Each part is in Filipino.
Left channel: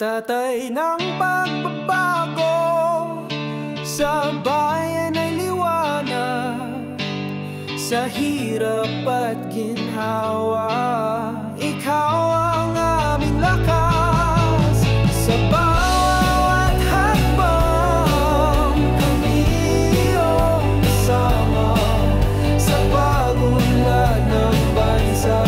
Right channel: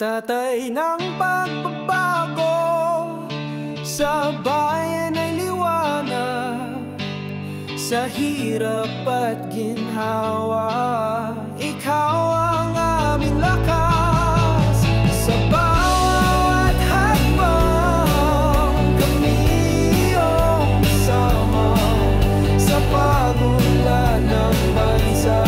Tatay ng pagbabago, sa bayan ay liwanag, sa hirap at ginhawa, ikaw ang aming lakas. Sa bawat hakbang, kami iyong kasama, sa pagunlad ng bansa.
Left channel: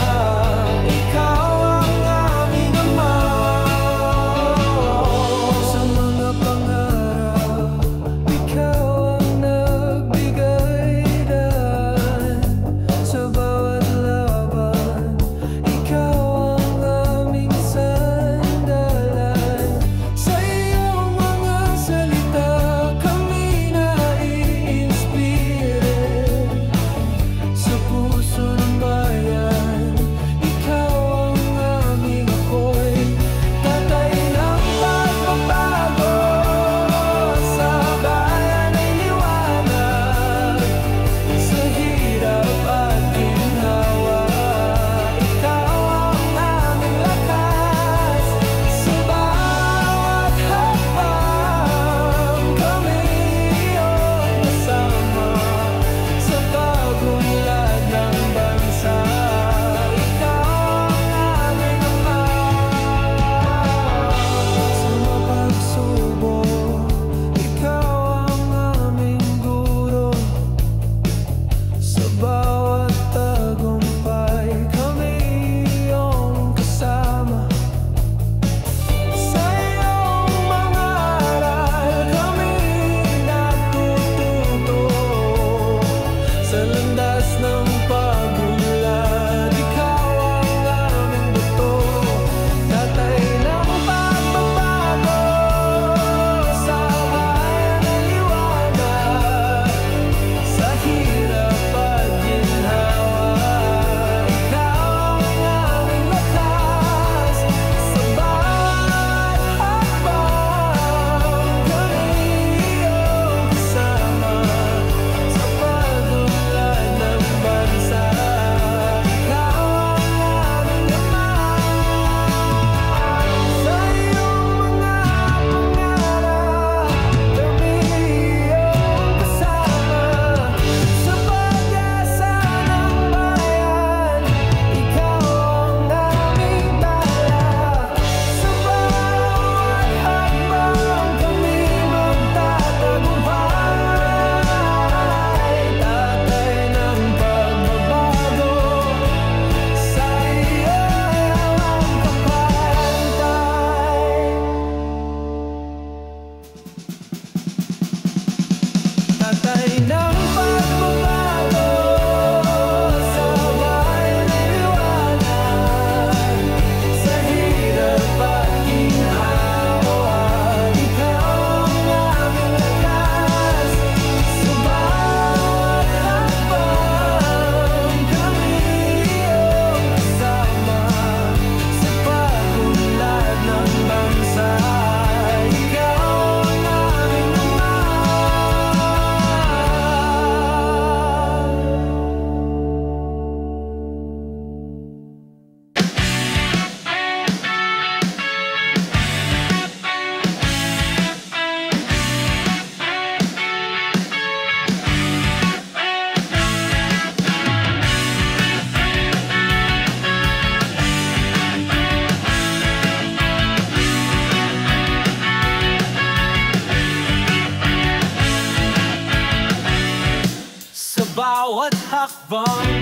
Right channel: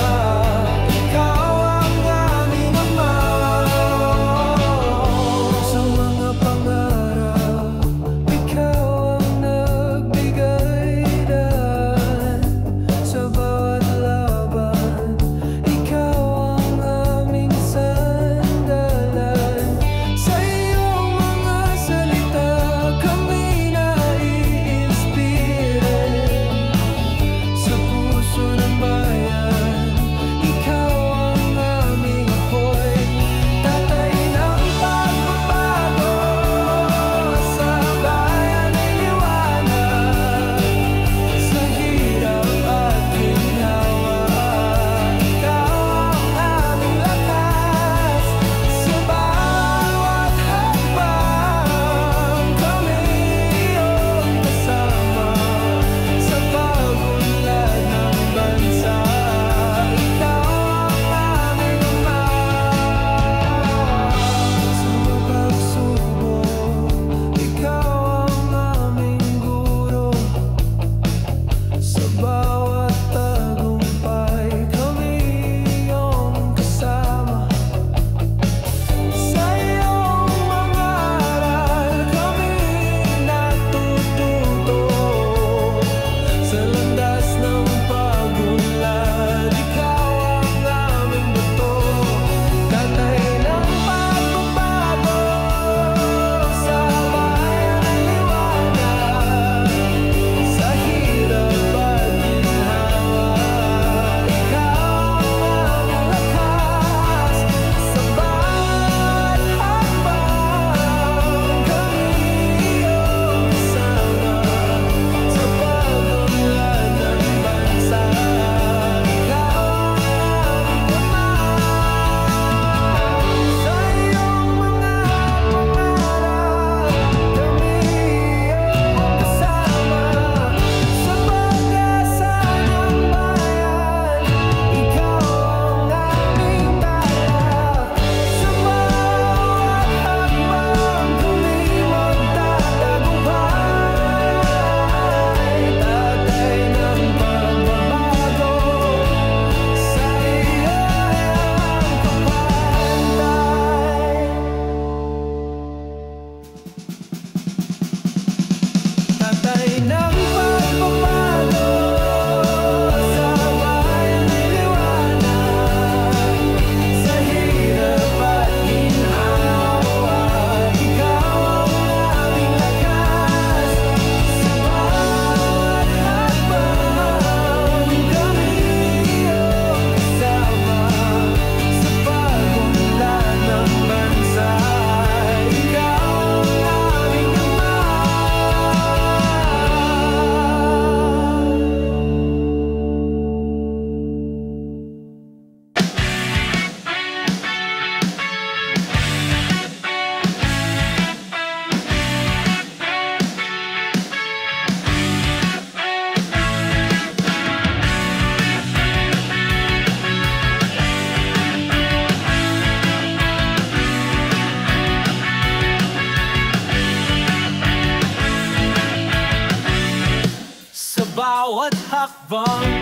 Bawat hakbang,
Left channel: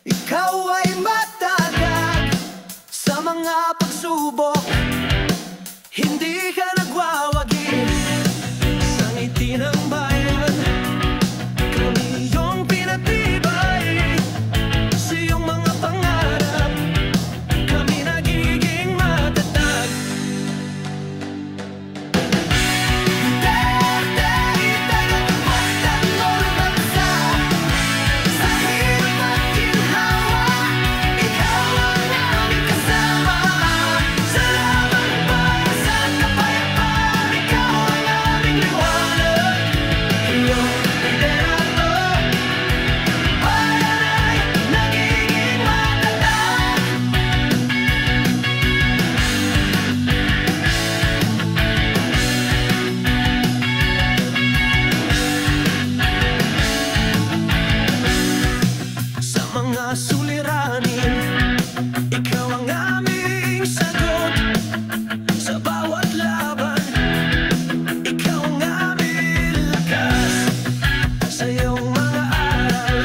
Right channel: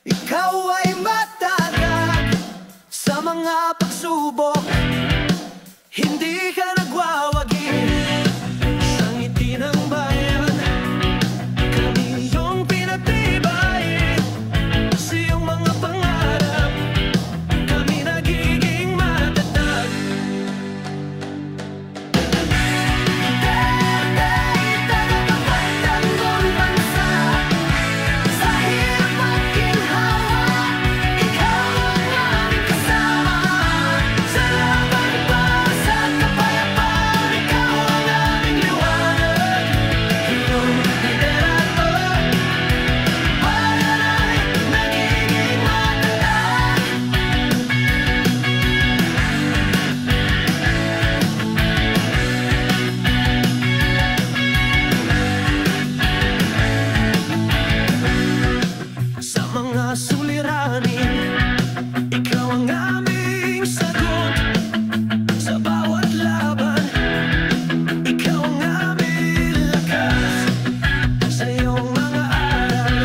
ikaw ay matatag. Sa mga pagsubok, hindi ka nagwawagi. Sa ngiti ng bayan, kami yung pinatibay. Sa iyong mga pangarap, kami nagiging matatag. Ikaw ang aming kasama sa laban para sa kapayapaan. Sa bawat laban, ikaw ang aming lakas. Sa iyong mga aral,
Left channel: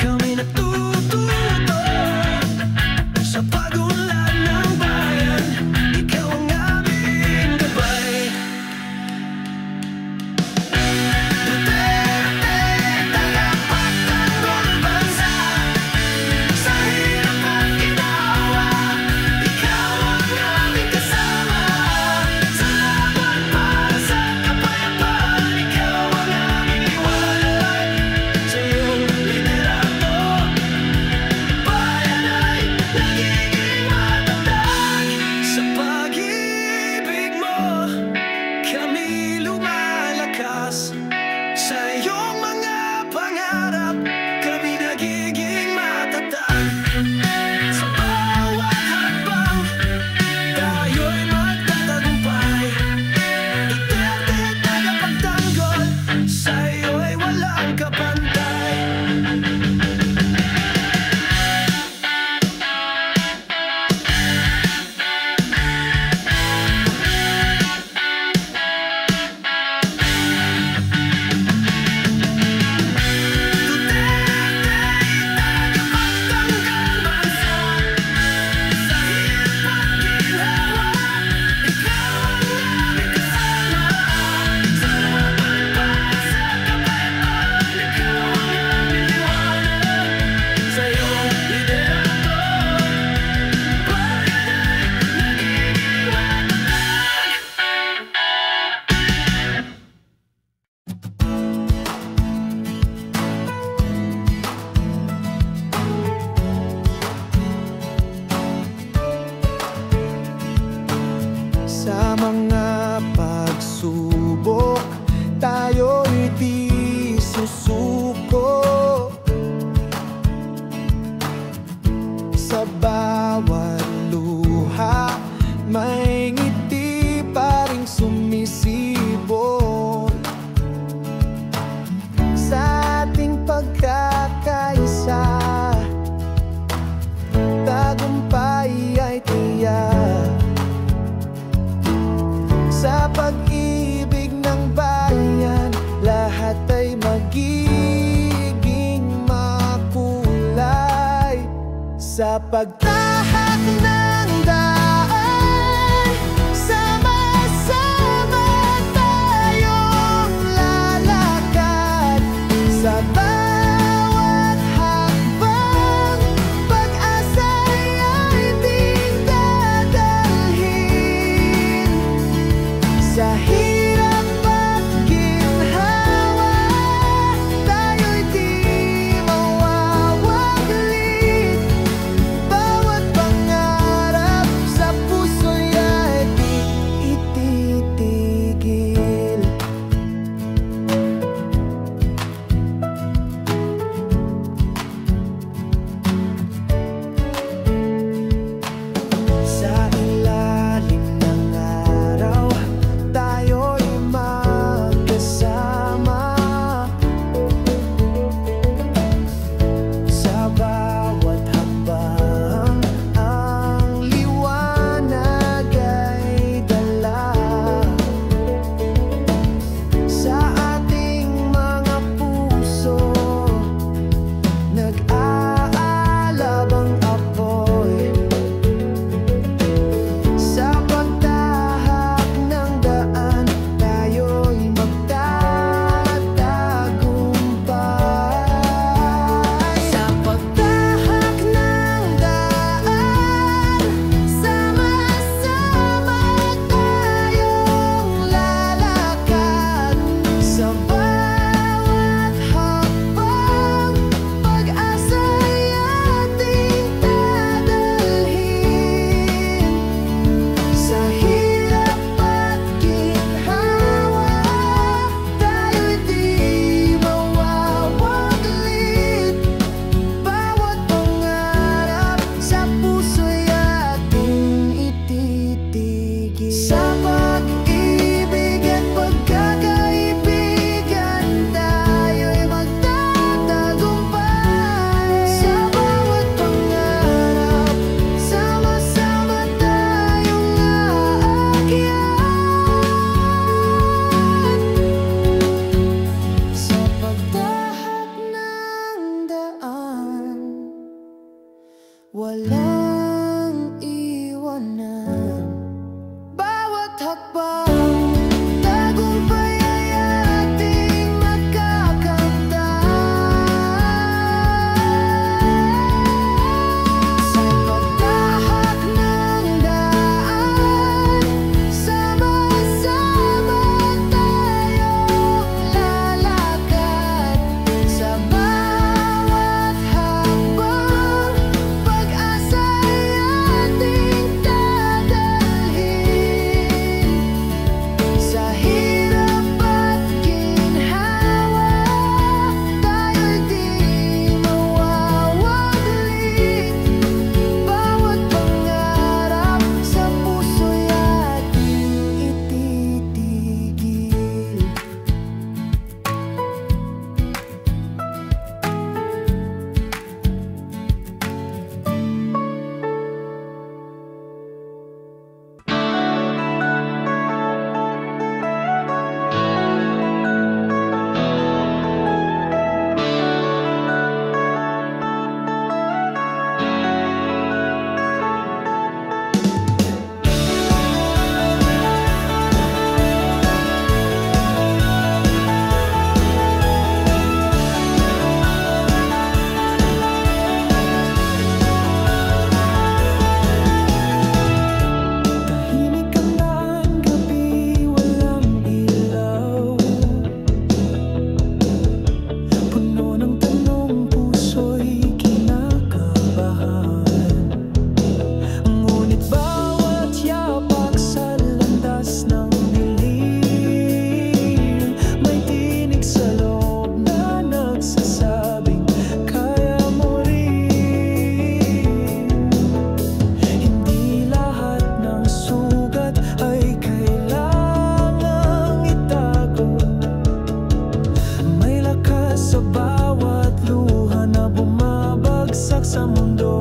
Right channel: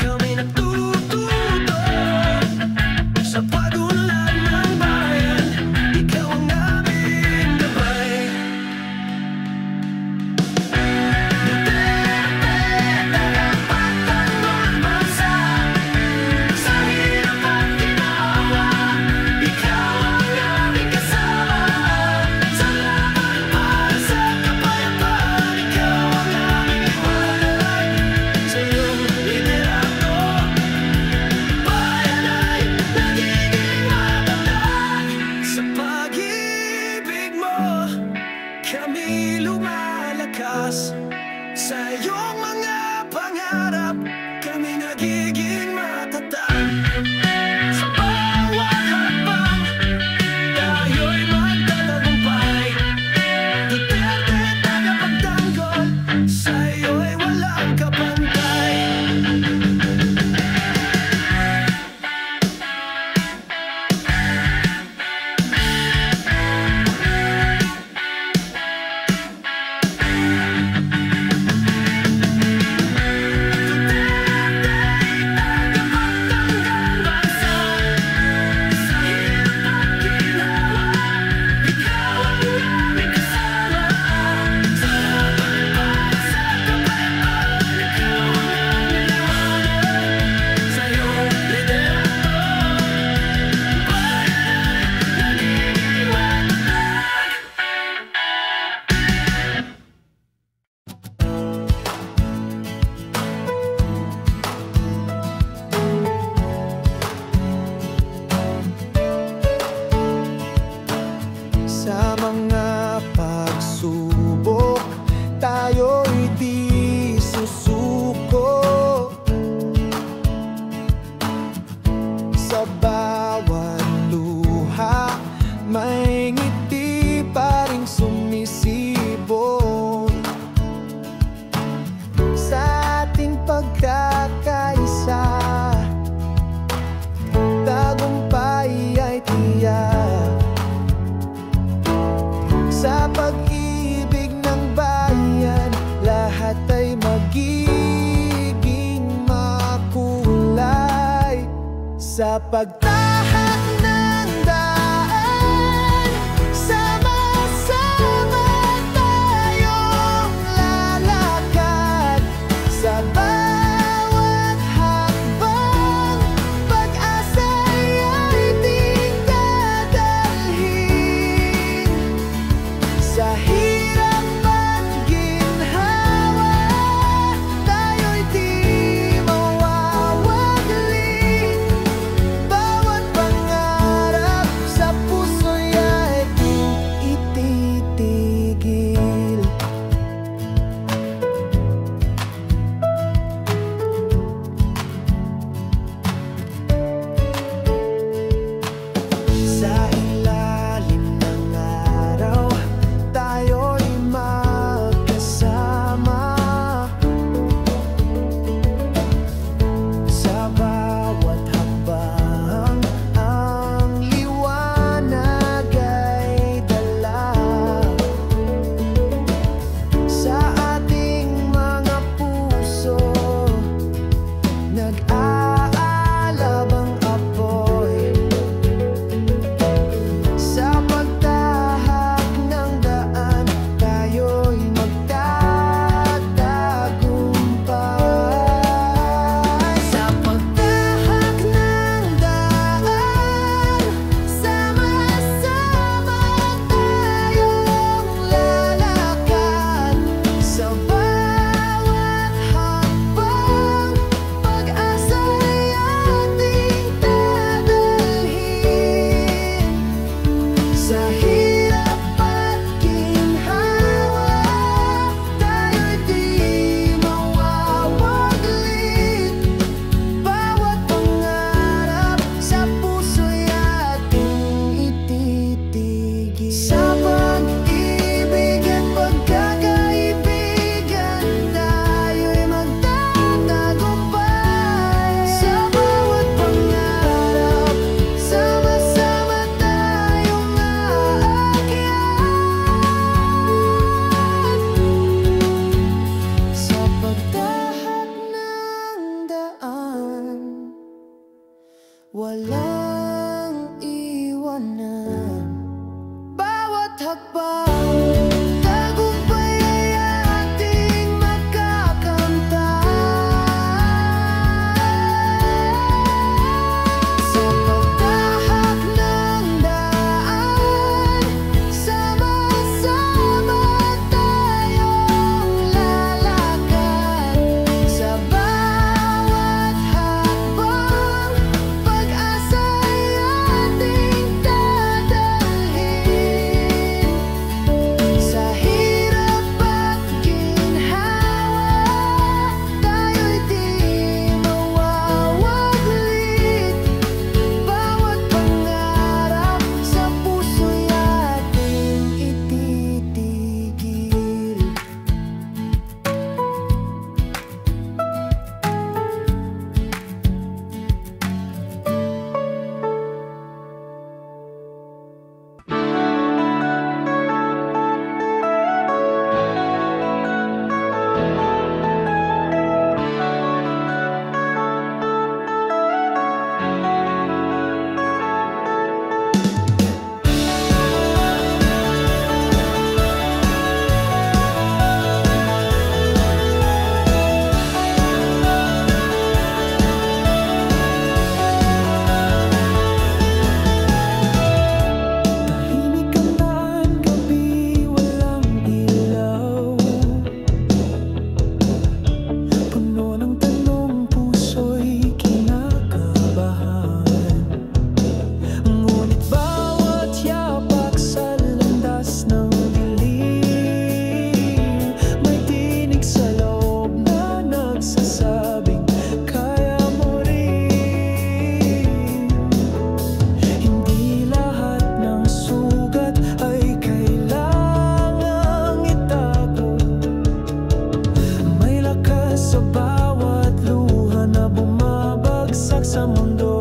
kami natututo. Sa pagunlad ng bayan, ikaw ang aming gabay. Duterte, tagapagtanggol bansa. Sa hirap at ginawa, ikaw ang aming kasama. Sa laban para sa kapayapaan, ikaw ang aming liwanag. Sa iyong liderato, bayan ay nagiging matatag. Sa pag-ibig mo, kami lumalakas. Sa iyong mga pangarap, kami nagiging matatag. Sa bawat hakbang, tayo'y magtatagumpay. Duterte, tagapagtanggol, sa iyo'y walang kapantay. Duterte, tagapagtanggol bansa. Sa hirap at ginhawa, ikaw ang aming kasama. Sa laban para sa kapayapaan, ikaw ang aming liwanag. Sa iyong liderato, bayan ay nagiging matatag. Sa mga pagsubok, tayo'y di susuko. Sa bawat luha, may ngiti pa ring sumisibol. Sa ating pagkakaisa, tagumpay ay tiyak. Sa pag-ibig ng bayan, lahat ay magiging makulay. Sa pagtahak ng daan, sama-sama tayong lalakad. Sa bawat hakbang, pag-asa'y ating dadalhin. Sa hirap at ginhawa, tayo'y di mawawaglit. Bawat pangarap sa puso'y ating ititigil. Sa ilalim ng araw, tayo'y magkasama. Sa bawat hakbang, ang liwanag ay dala. Sa ating mga puso, nag-aalabang apoy. Sa pagtahak ng daan, tayo'y magtatagumpay. Sa pagtahak ng daan, sama-sama tayong lalakad. Sa bawat hakbang, pag-asa'y ating dadalhin. Sa hirap at ginhawa, tayo'y di mawawaglit. Bawat pangarap sa puso'y ating ititigil. Sa pag-ibig at pagkakaibigan, tayo'y magtatagumpay. Sa bawat pangarap, sama-sama tayong aalay. hakbang, tagumpay ay ating magkakamtan. Sa pagtahak ng daan, sama-sama tayong lalakad. Sa bawat hakbang, pag-asa'y ating dadalhin. Sa hirap at ginhawa, tayo'y di mawawaglit. Bawat pangarap sa puso'y ating ititigil. Tahimik ang daan, gabi walang ilaw. Puno ng tanong, puso'y kinakabahan. Ngunit bawat yapak sa landas ng dilim, may tinig sa loob na nagsasabing, kaya mo rin. Hindi lahat ng sugat ay kailangang itago. May lakas sa bawat luha na bumabagsak sa mundo.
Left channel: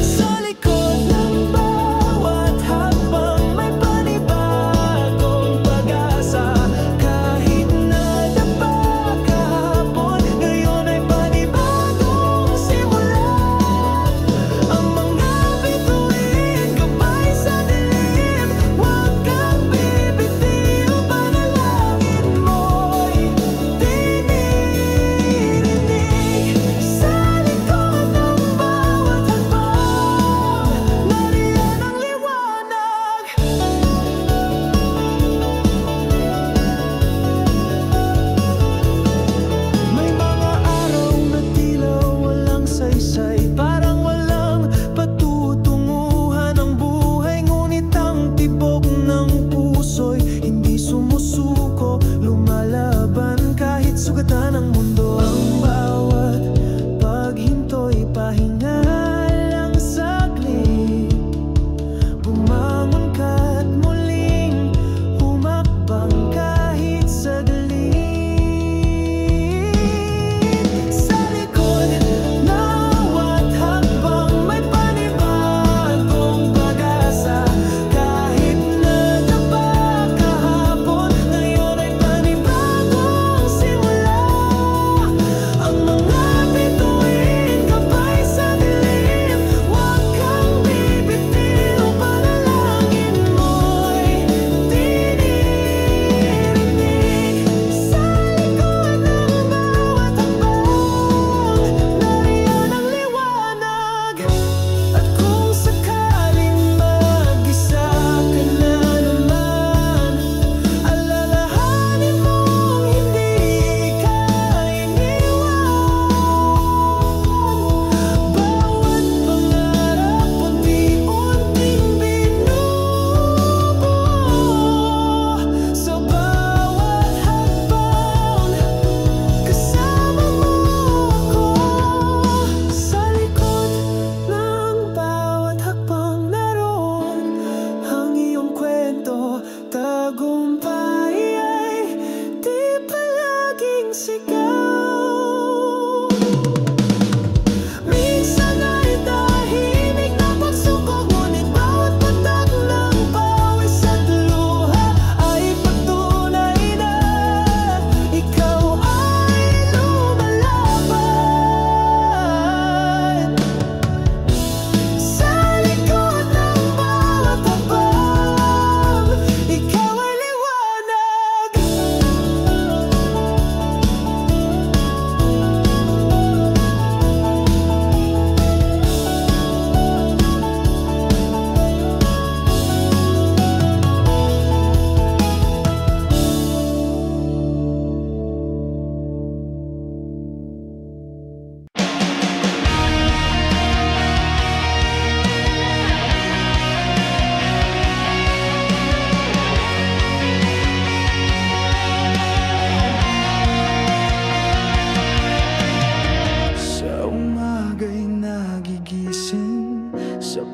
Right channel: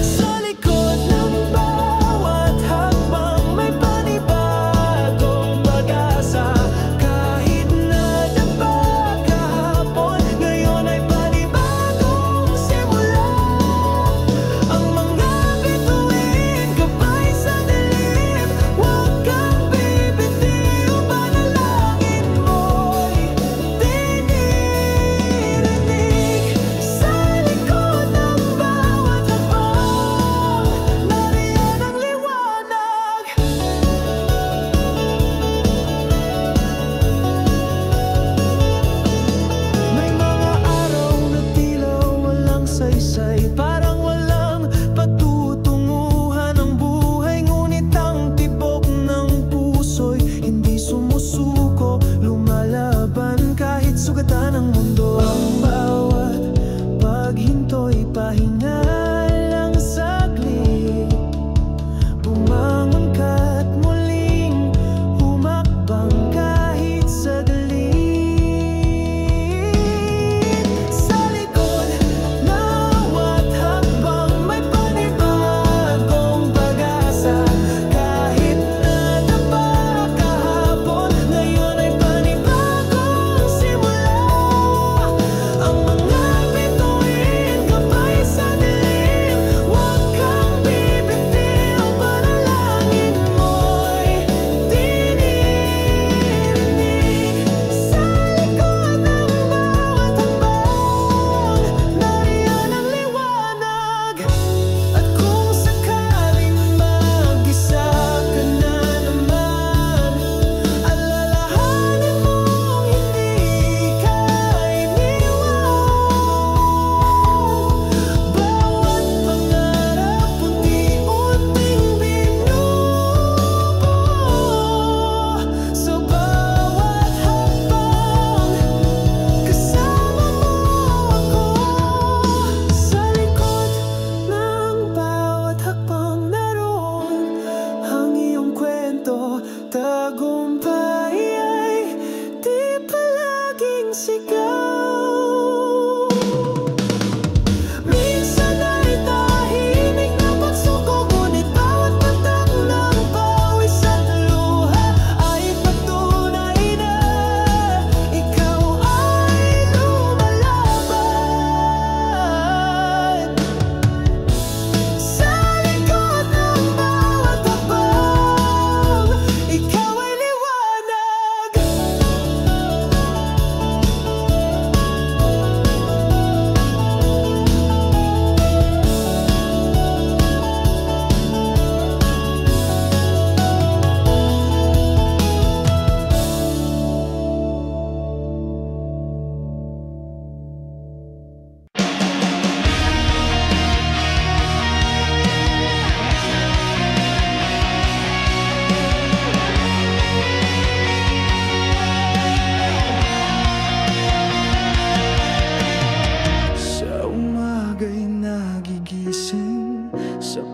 Sa likod ng bawat hakbang, may panibagong pag-asa. Kahit nadapa kahapon, ngayon ay panibagong simula. Ang mga bituin, gabay sa dilim. Huwag kang bibitiw, panalangin mo'y dinirinig. Sa likod ng bawat hakbang, nariyan ang liwanag. May mga araw na tila walang saysay, parang walang patutunguhan ang buhay. Ngunit ang tibok ng puso'y hindi sumusuko, lumalaban kahit sugatan ang mundo. Ang bawat paghinto'y pahinga lang saglit. Bumangon ka't muling humakbang kahit saglit. Sa likod ng bawat hakbang, may panibagong pag-asa. Kahit nadapa kahapon, ngayon ay panibagong simula. Ang mga bituin, gabay sa dilim. Huwag kang bibitiw, panalangin mo'y dinirinig. Sa likod ng bawat hakbang, nariyan ang liwanag. At kung sakaling mag-isa ka na naman, alalahanin mong hindi ka iniwan. Bawat pangarap unti-unting binubuo. Sa bawat hakbang, kasama mo ako. Sa likod ng bawat hakbang, naroon ang iyong kwento. Tagumpay ay di palaging sigaw. Minsan ay tahimik na pagsukog, ngunit bawat patak ng pawis at luha ay patunay na ikaw ay lumalaban. Sa likod ng bawat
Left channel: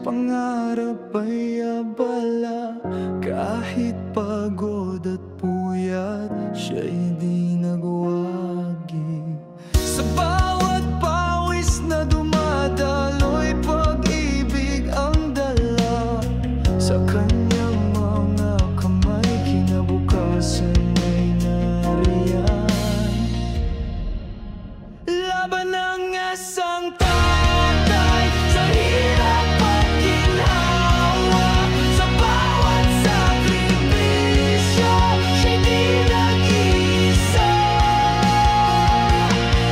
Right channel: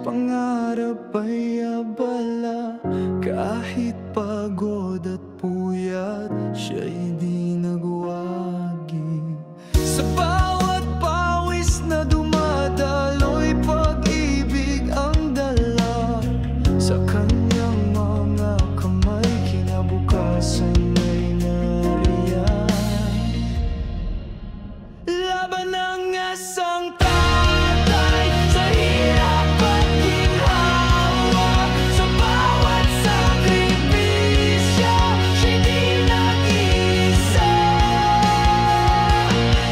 pangarap ay abala. Kahit pagod at puyat, siya'y di nagwagi. Sa bawat pawis na dumadaloy, pag-ibig ang dala. Sa kanyang mga kamay, kinabukasan ay nariyan. Laban ng isang tatay sa hirap at ginhawa. Sa bawat sakripisyo, siya'y di nag-isa.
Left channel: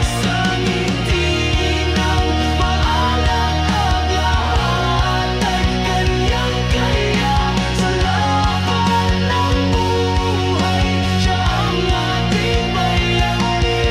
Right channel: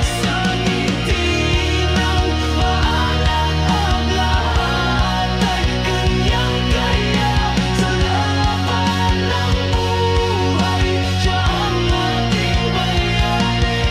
Sa ngiti ng mga anak ang lahat ay kanyang kaya. Sa laban ng buhay, siya ang ating bayani.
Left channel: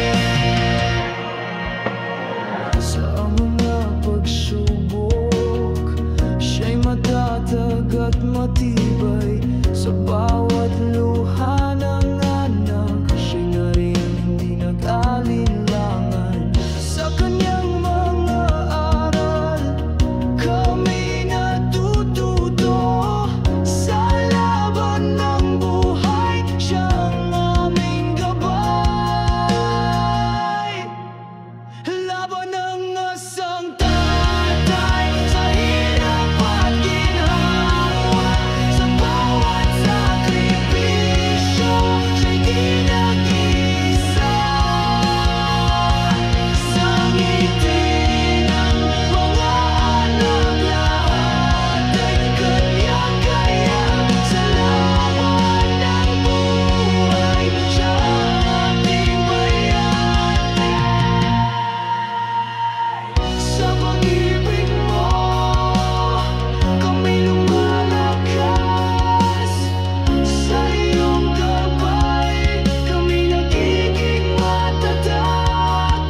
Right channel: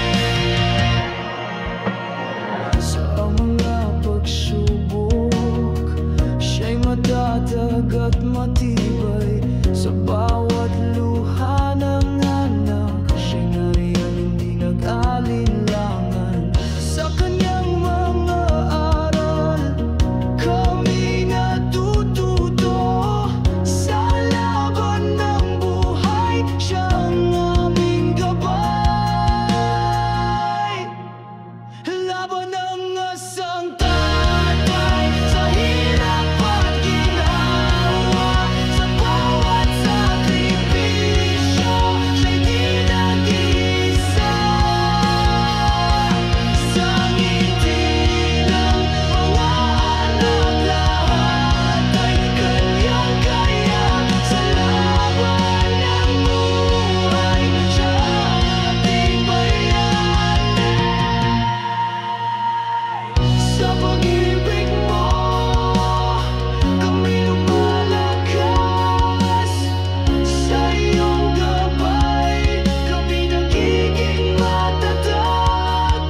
Sa mga pagsubok, siya'y matatag at matibay. Sa bawat luha ng anak, siya'y nariyan, hindi nag-alinlangan. Sa kanyang mga aral, kami natututo. Sa laban ng buhay, siya ang aming gabay. Laban ng isang tatay sa hirap at ginhawa. Sa bawat sakripisyo, siya'y di nag-isa. Sa ngiti ng mga anak lahat ay kanyang kaya. Sa laban ng buhay, siya ang ating bayani. Sa pag-ibig mo, kami lumalakas. Sa iyong gabay, kami nagiging matatag.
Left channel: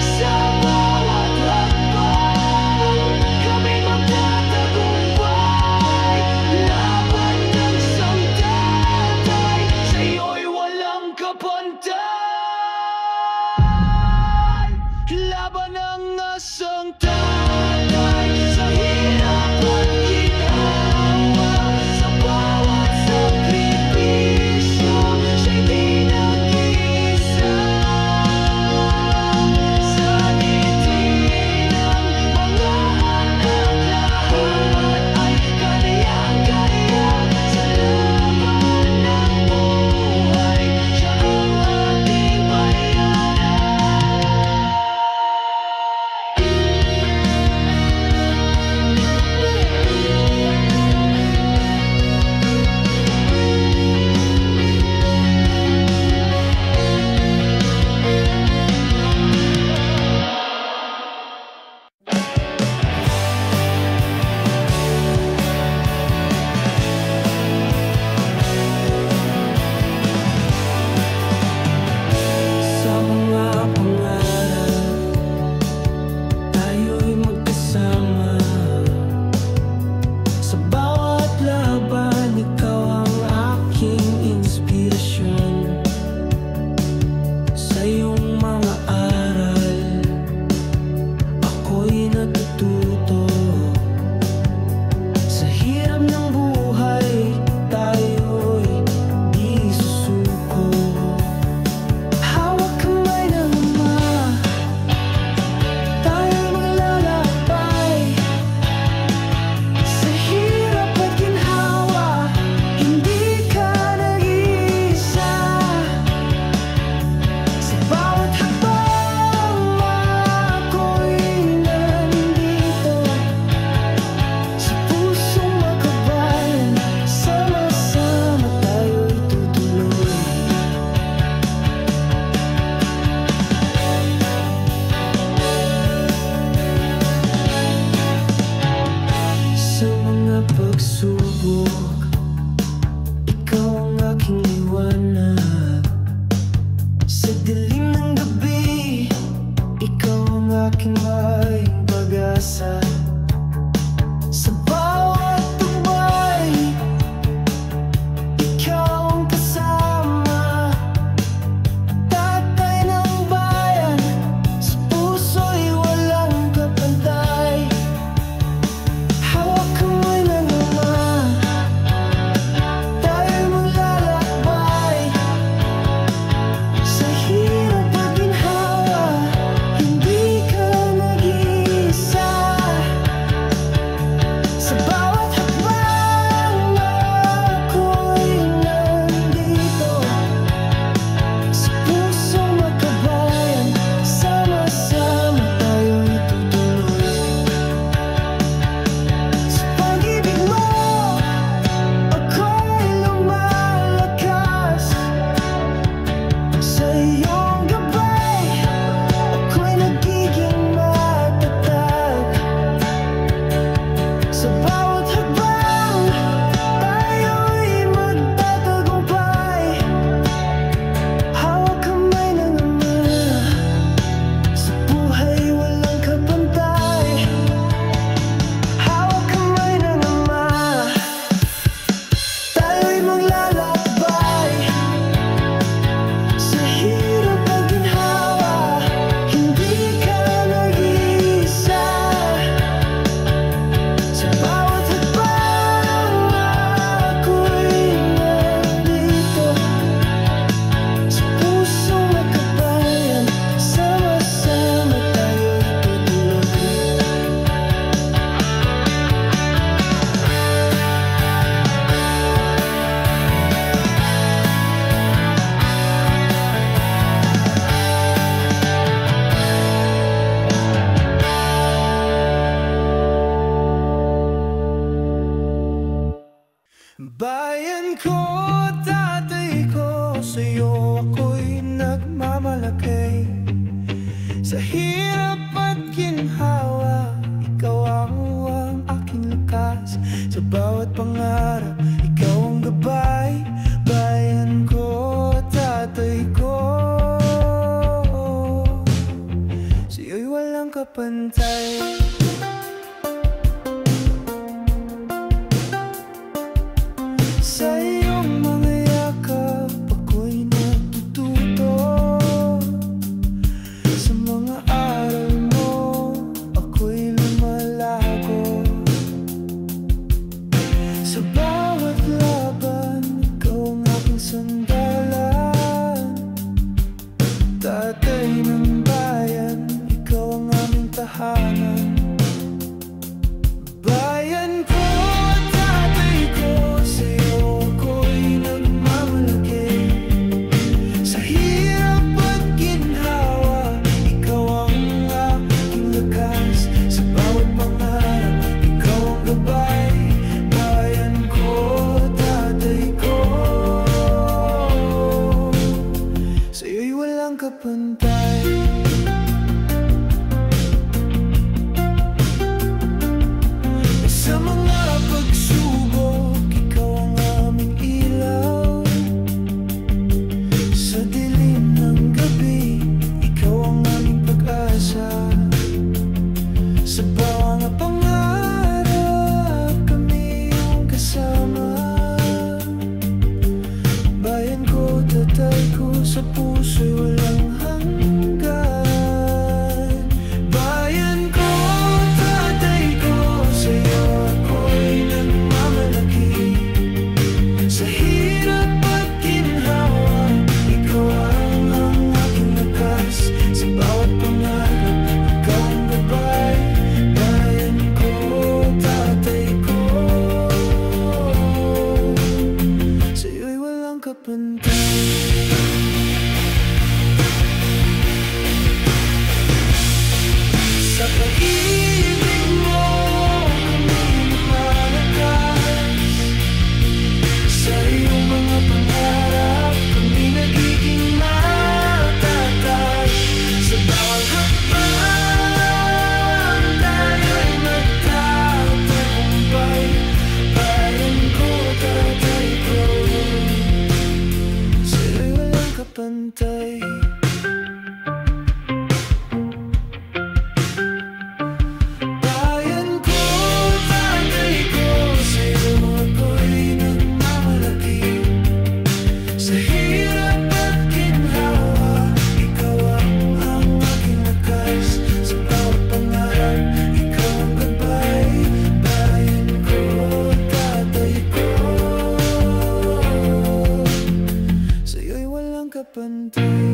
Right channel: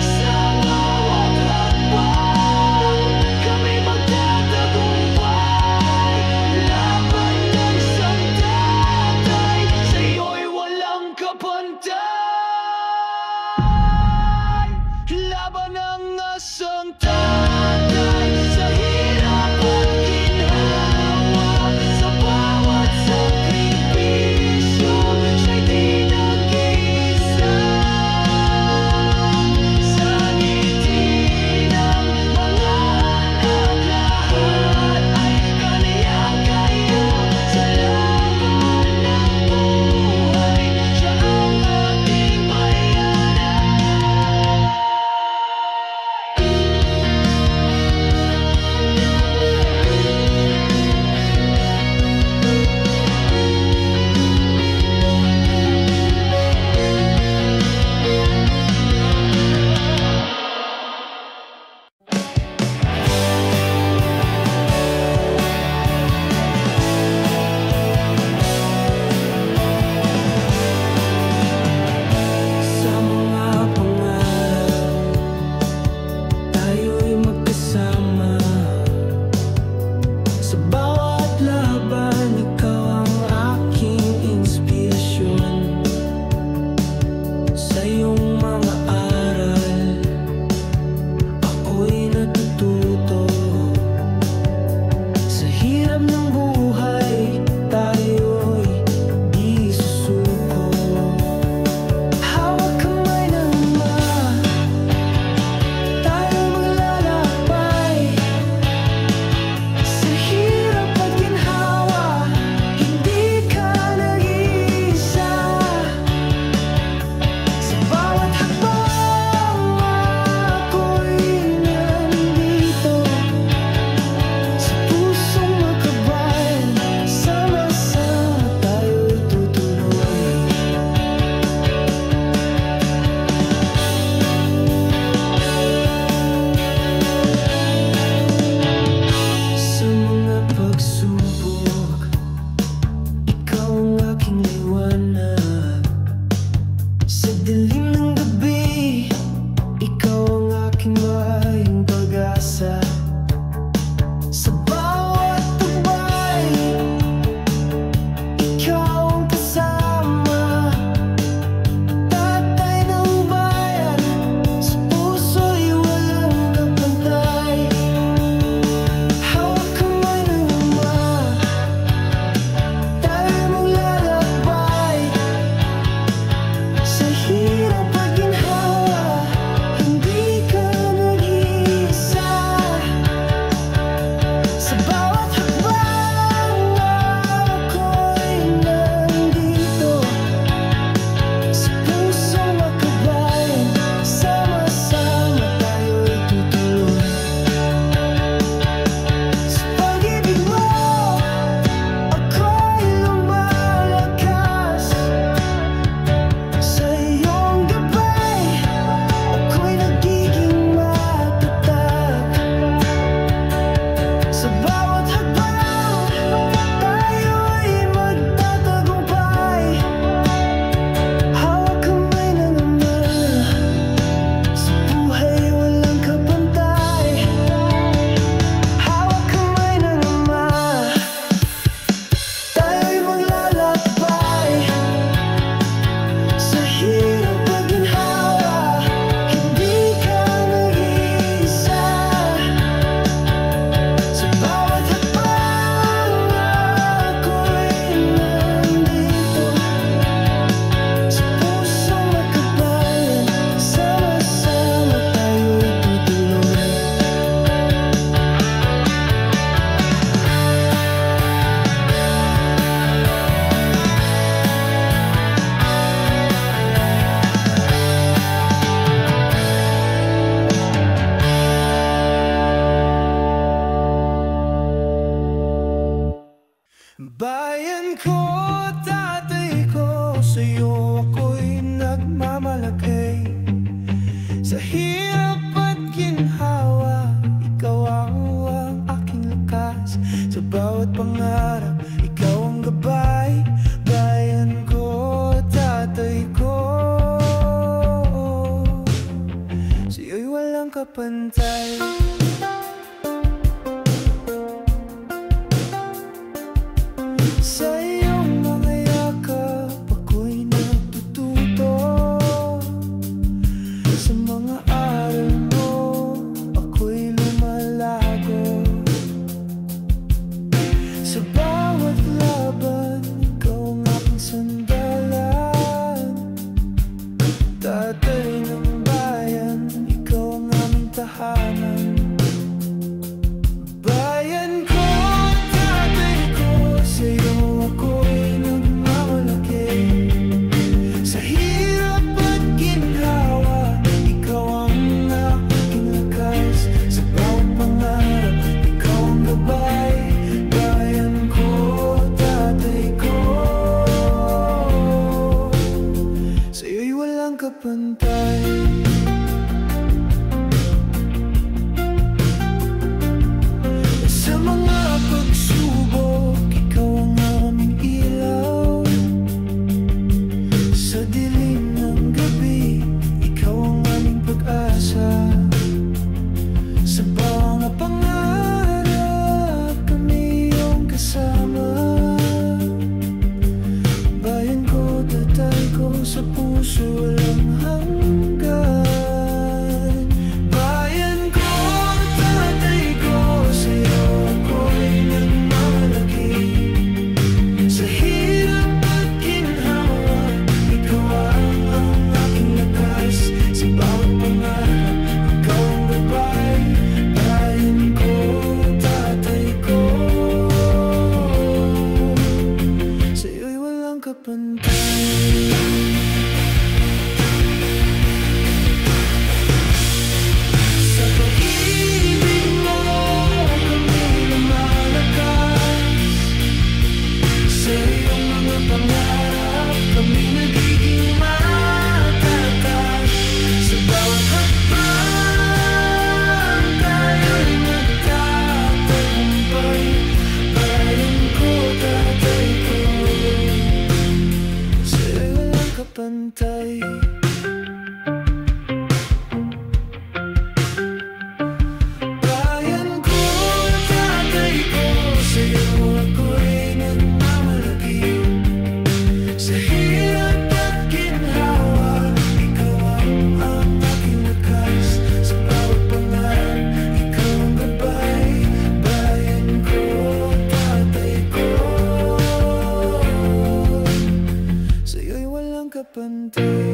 Sa bawat hakbang, kami magtatagumpay. Laban ng isang tatay, sa iyo'y walang kapantay. Laban ng isang tatay sa hirap at ginhawa. Sa bawat sakripisyo, siya'y di nag-isa. Sa ngiti ng mga anak lahat ay kaniyang kaya. Sa laban ng buhay, siya ang ating bayani. Sa mga pangarap, tayo'y magkasama. Sa bawat laban, ikaw ang aking inspirasyon. Sa iyong mga aral, ako'y natututo. Sa hirap ng buhay, tayo'y di susuko. Hawak kamay ng Ama, tayo'y maglalakbay. Sa hirap at ginhawa, hindi ka nag-iisa. Sa bawat hakbang, ako'y nandito. Sa pusong makabayan, sama-sama tayo'y tutuloy. Sa mga pagsubok, ikaw ang aking liwanag. Sa dilim ng gabi, ikaw ang aking maing pag-asa. Sa bawat tubay, ikaw ang kasama. Tatay ng bayan, sa puso'y walang kapantay. Bayan ko, tatay ko, sa'yo ako'y nagmamalaki. Sa hirap at ginhawa, ikaw ang aking lakas. Sa bawat pangarap, ikaw ang gabay. Bayan ko, tatay ko, sa'yo'y walang kapantay. Sa iyong mga yakap, ako'y natututo. Sa mga aral mo, ako'y lumalago. Sa bawat laban, ikaw ang aking sandalan. Tatay ng bayan, ikaw ang aming tahanan. Bayan ko, tatay ko, sa'yo ako'y nagmamalaki. Sa hirap at ginhawa, ikaw ang aking lakas. Sa bawat pangarap, ikaw ang gabay. Bayan ko, tatay ko, sa'yo'y walang kapantay. Sa mga pagsubok, ikaw ang aming ilaw. Sa dilim ng gabi, ikaw ang aming pag-asa. Sa mga pangarap, kami iyong kasama. Bayan ko, tatay ko, sa puso'y walang hanggan. Bayan ko, tatay ko, sa'yo ako'y nagmamalaki. Sa hirap at ginhawa, ikaw ang aking lakas. Sa bawat pangarap, ikaw ang gabay. Bayan ko, tatay ko, sa'yo'y walang kapantay. Sa pag-ibig mo, kami lumalakas. Sa iyong mga pangarap, kami nagiging matatag. Sa bawat hakbang, tayo'y magtatagumpay. Bayan ko, tatay ko, sa'yo'y walang kapantay. Bayan ko, tatay ko, sa'yo ako'y nagmamalaki. Sa hirap at ginhawa, ikaw ang aking lakas. Sa bawat pangarap, ikaw ang gabay. Bayan ko, tatay ko, sa'yo'y walang kapantay.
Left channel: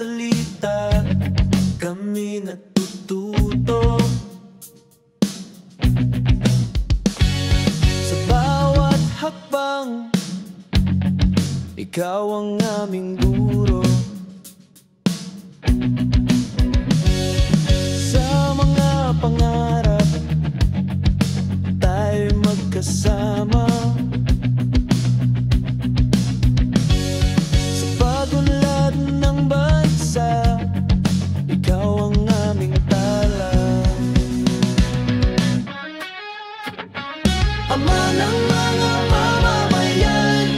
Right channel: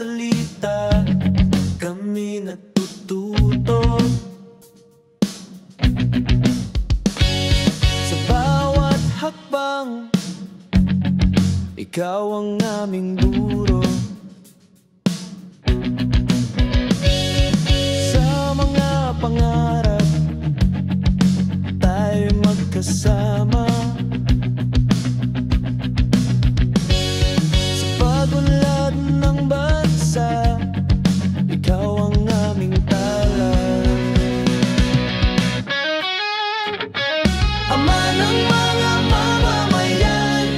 Salita, kami natututo. Sa bawat hakbang, ikaw ang aming guro. Sa mga pangarap, tayo magkasama. Sa pagunlad ng bansa, ikaw ang aming tala. Ama ng mga mamamayan,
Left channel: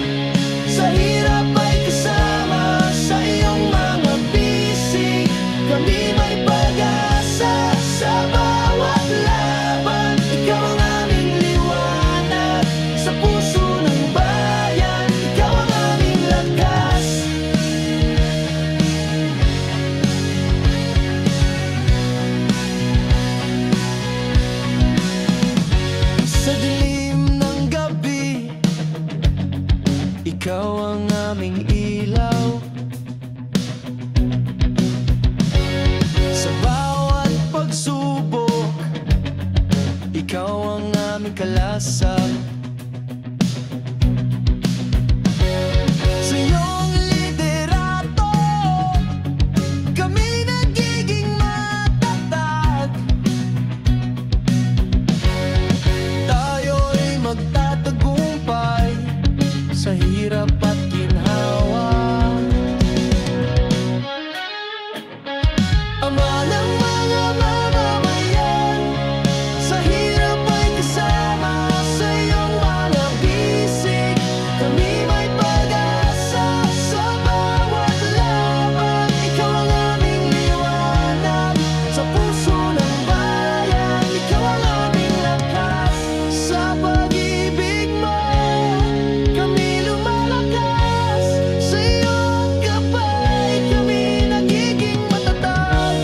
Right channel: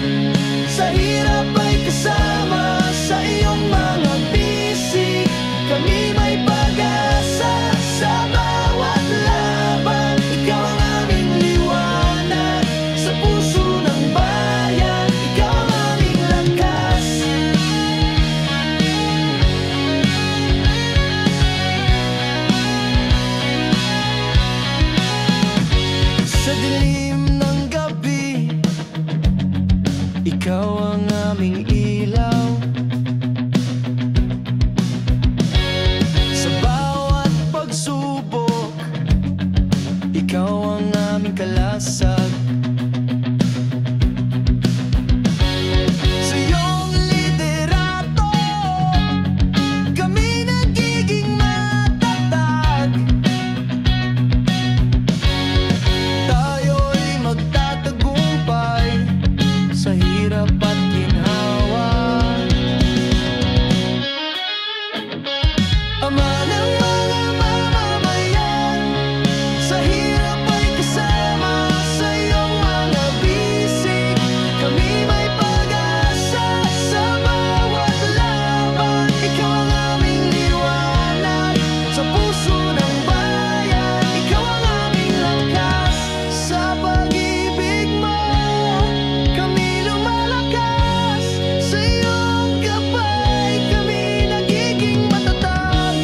sa hirap ay kasama. Sa iyong mga bisig, kami may pag-asa. Sa bawat laban, ikaw ang aming liwanag. Sa puso ikaw ang aming ilaw. Sa bawat pagsubok, ikaw ang aming kalasag. Sa iyong liderato, kami nagiging matatag. Tayo'y magtatagumpay sa hirap at ginhawa. Ama ng mga mamamayan, sa hirap ay kasama sa iyong mga bisig. Kami may pag-asa sa bawat laban. Ikaw ang aming liwanag sa puso ng bayan. Ikaw ang aming lakas sa pag-ibig mo. Kami lumalakas sa iyong gabay. Kami nagiging matatag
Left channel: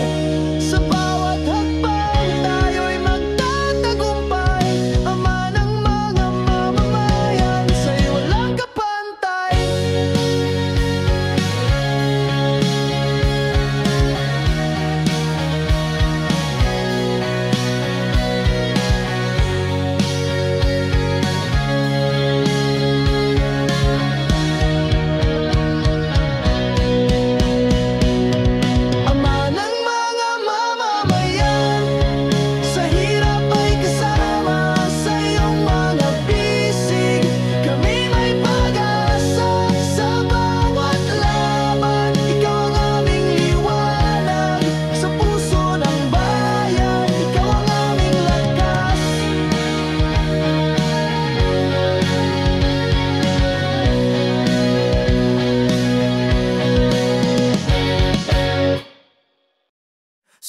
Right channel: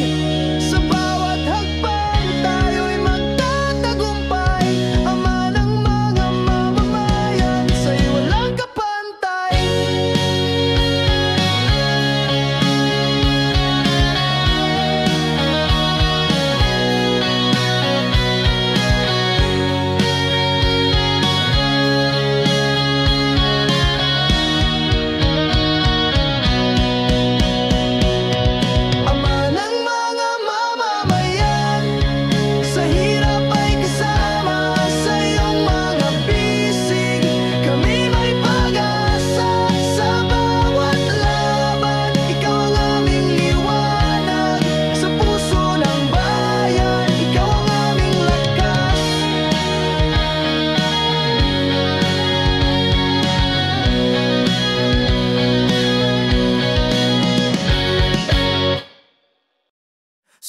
sa bawat hakbang. Tayo'y magtatagumpay. Ama ng mga mamamayan, sa'y walang kapantay. Ama ng mga mamamayan, sa hirap ay kasama sa iyong mga bisig. Kami may pag-asa sa bawat laban. Ikaw ang aming liwanag sa puso ng bayan. Ikaw ang aming lakas.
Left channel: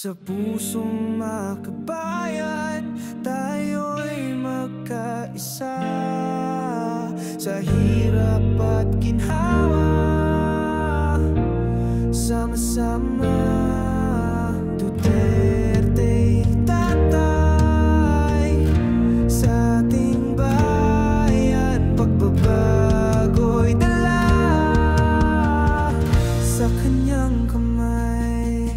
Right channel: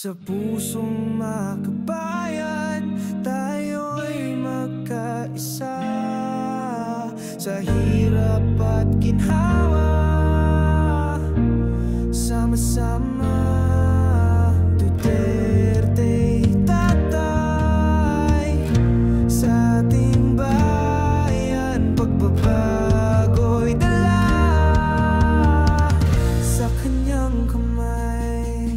Sa pusong makabayan, tayo'y magkaisa. Sa hirap at ginhawa, sama-sama. Duterte tatay sa ating bayan. Pagbabago'y dala sa kanyang kamay.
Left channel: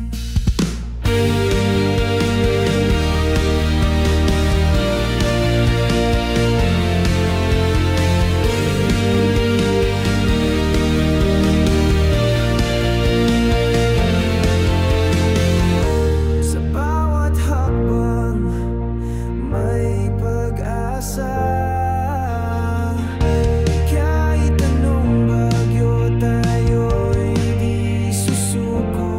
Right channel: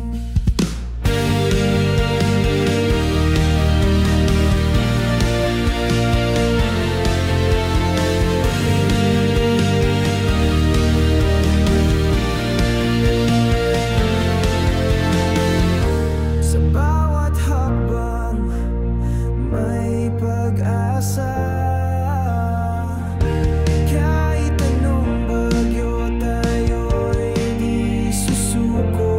Sa bawat hakbang may pag-asa. Kahit anong bagyo, tayo'y di susuko.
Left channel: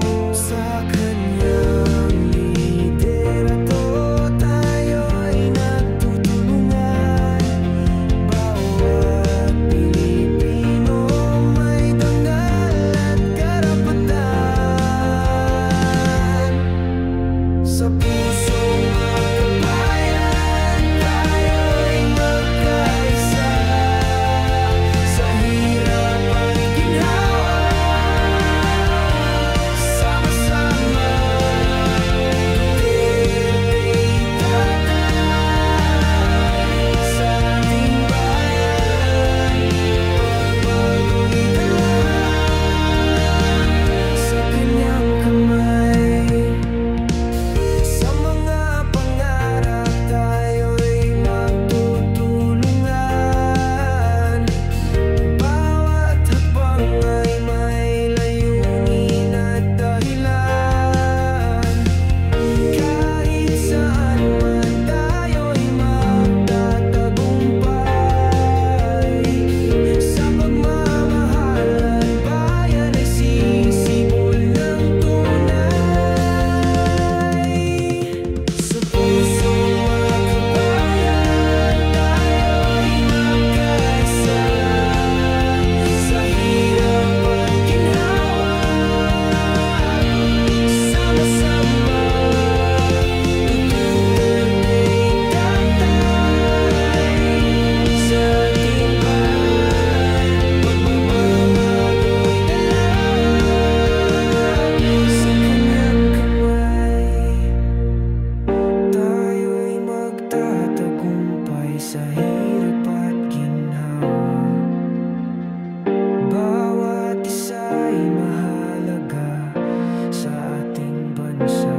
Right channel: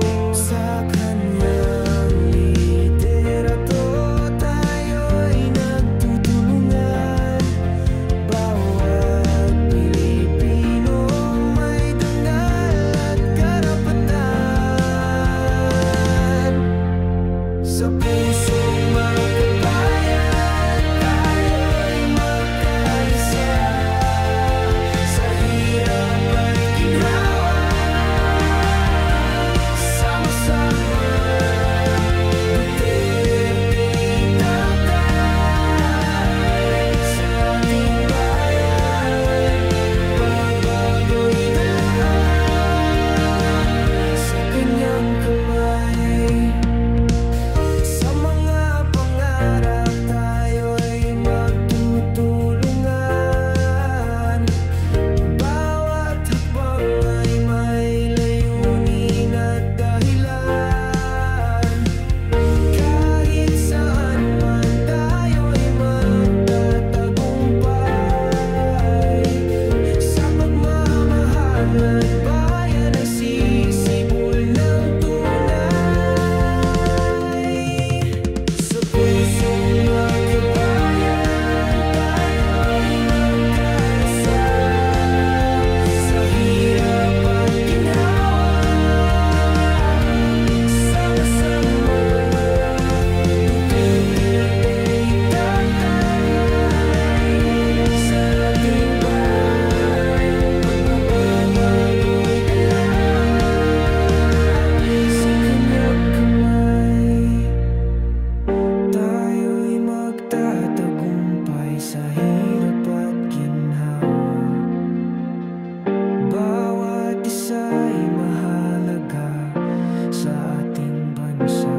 Bawat isa'y mahalaga sa ating bansa.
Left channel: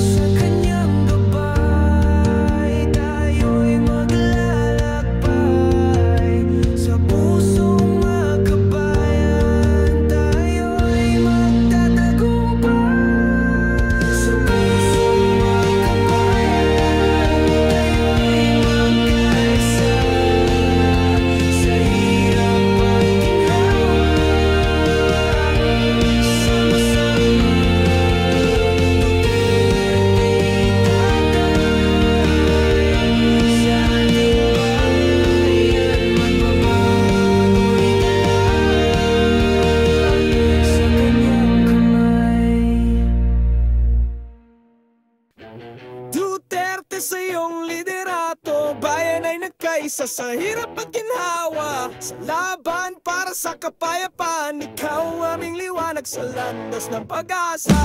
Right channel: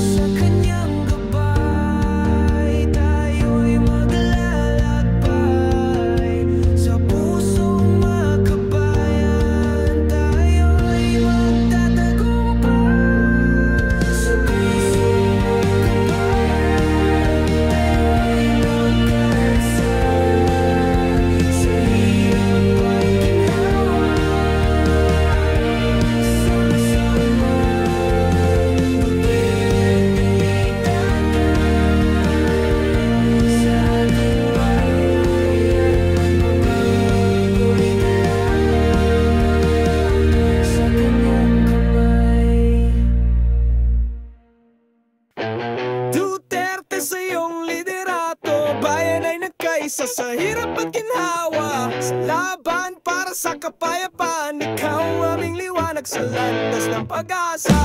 Sa kanyang gabay, tayo'y maglalakbay. Sa pusong makabayan, tayo'y magtatagumpay. Sa pusong makabayan, tayo'y magkaisa. Sa hirap at ginhawa, sama-sama. Duterte'y tatay sa ating bayan. Magbabago'y dala sa kanyang kamay. Duterte sa iyong liderato, bayan ay nagkaisa sa hirap at ginhawa. Sa laban para sa kapayapaan, ikaw ang aming liwanag sa landas ng pag-asa.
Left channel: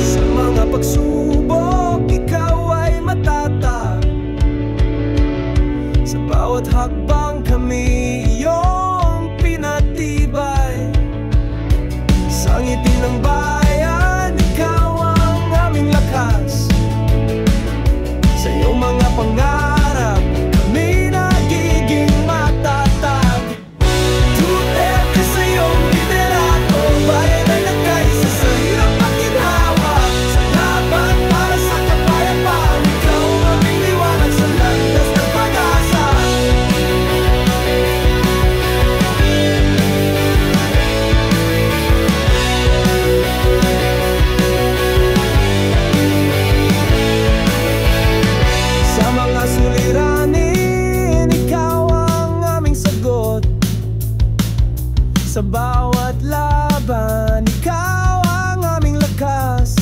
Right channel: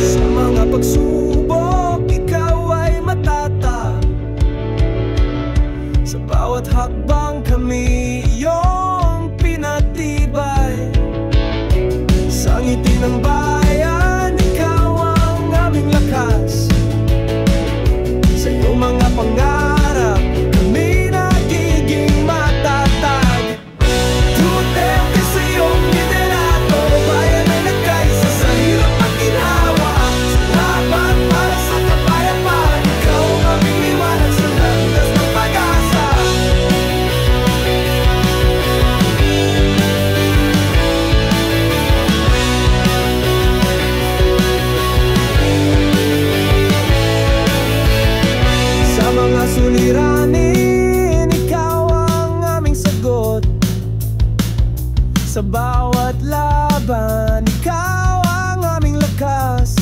Sa mga pagsubok, ikaw ay matatag. Sa bawat hakbang kami iyong pinatibay. Sa ngiti ng bayan, ikaw ang aming lakas. Sa iyong mga pangarap, kami nagiging matatag. Duterte sa iyong liderato, bayan ay nagkaisa sa hirap at ginhawa. Sa laban para sa kapayapaan, ikaw ang aming liwanag sa landas ng pag-asa. Sa mga suliranin, ikaw ang aming sagot. Sa bawat laban, ikaw ang aming lakas.